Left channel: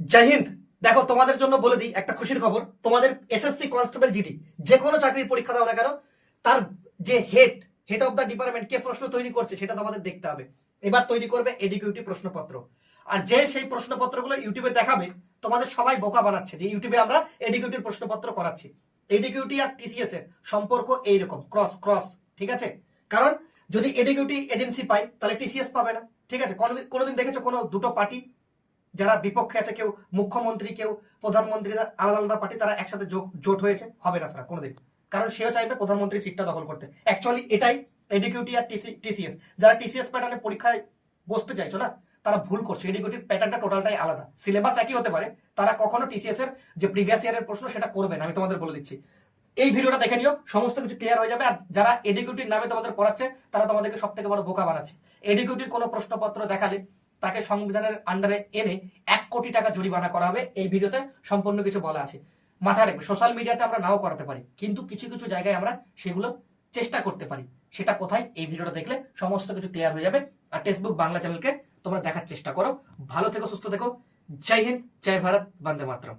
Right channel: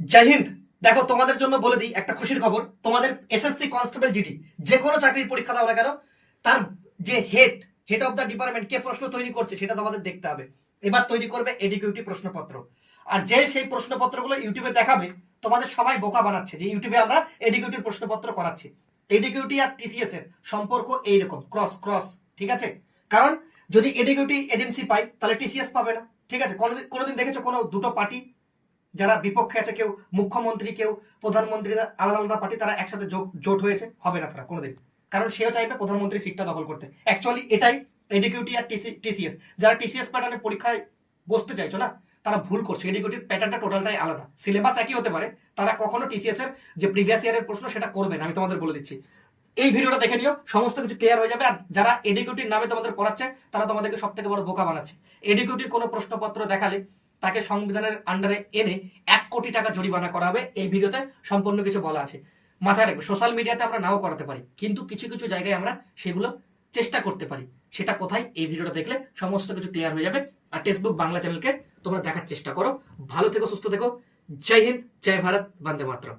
জয় হিন্দ। দেখো, তোমাদের জন্য বলে দিই একটা খুশির খবর। তোমাদের এসএসসি কনস্টেবল জিডি যে কোনো চাকরির পরীক্ষা দাও না কেন, তার যে হেড অফ দ্য ডিপার্টমেন্ট কে প্রশ্ন তৈরি করছে সেটা তোমাদের দেখতে হবে। এবার তৈরি করবে এডিকিউটিভ প্রশ্নপত্র। আর যে সেই প্রশ্নপত্রগুলো ইউটিউবে দেখাবে, তোমাদের সবাই বোকা বানাচ্ছে যে ইউটিউবে আমরা এডিকিউটিভ প্রশ্নপত্র করাচ্ছি। এডিকিউটি আর টিসিএস এর সম্পর্ক এইরকম, ক্রস ক্রস। ঠিক আছে? কারণ যদি এডিকিউটি এজেন্সি পাই তাহলে টিসিএস পাবে না। ঠিক আছে? কোনোদিন দেখেছো কোনো দুটো পার্টি যারা বিপক্ষে আছে, কেউ মুখ্যমন্ত্রী কেউ প্রধানমন্ত্রী, আলাদা আলাদা পার্টি, তারা একসাথে জোট হয়েছে? হবে না তারা কোনোদিন। কারণ সেও চাইবে প্রধানমন্ত্রী সিটটা দখল করতে। অ্যাকচুয়ালি এটাই এডিকিউটি আর টিসিএস। যারা টিসিএস প্যাটার্নের পরীক্ষায় বসতে চাইছো না, তারা ভুল করছে। এডিকিউটিভ প্যাটার্নটা টোটালটাই আলাদা, সিলেবাস একই হতে পারে, তারা কখনো টিসিএস এর যে প্রিভিয়াস ইয়ারের প্রশ্ন সেটা করবে না। আমি তোমাদের বলে দিচ্ছি, এই ভিডিওটা দেখে নিও, সমস্ত কিছু ক্লিয়ার হয়ে যাবে। আর যারা এডিকিউটির নামে তোমাদের পড়াচ্ছে, তারা তোমাদেরকে সব থেকে বড় বোকা বানাচ্ছে। এডিকিউটির কোনো প্রশ্নপত্র দেখালে তাকে সংবিধানের আন্ডারে এনে 1 কোটি টাকা জরিমানা করা হবে। এই ভিডিওতে সম্পূর্ণ কিছু বলা আছে। মাথায় রাখবে, সোশ্যাল মিডিয়াতে আমরা নাও করাতে পারি, কিন্তু কিছু কিছু জায়গায় আমরা সেগুলো চেষ্টা করতে পারি। সেটা কোথায়, এই ভিডিওটা দেখলে সমস্ত কিছু ক্লিয়ার হয়ে যাবে। আর টেক্সটবুক বাংলা চ্যানেলকে তোমরা দেখার চেষ্টা করো। ভালো থেকো, সুস্থ থেকো। জয় হিন্দ, জয় ভারত, বন্দে মাতরম।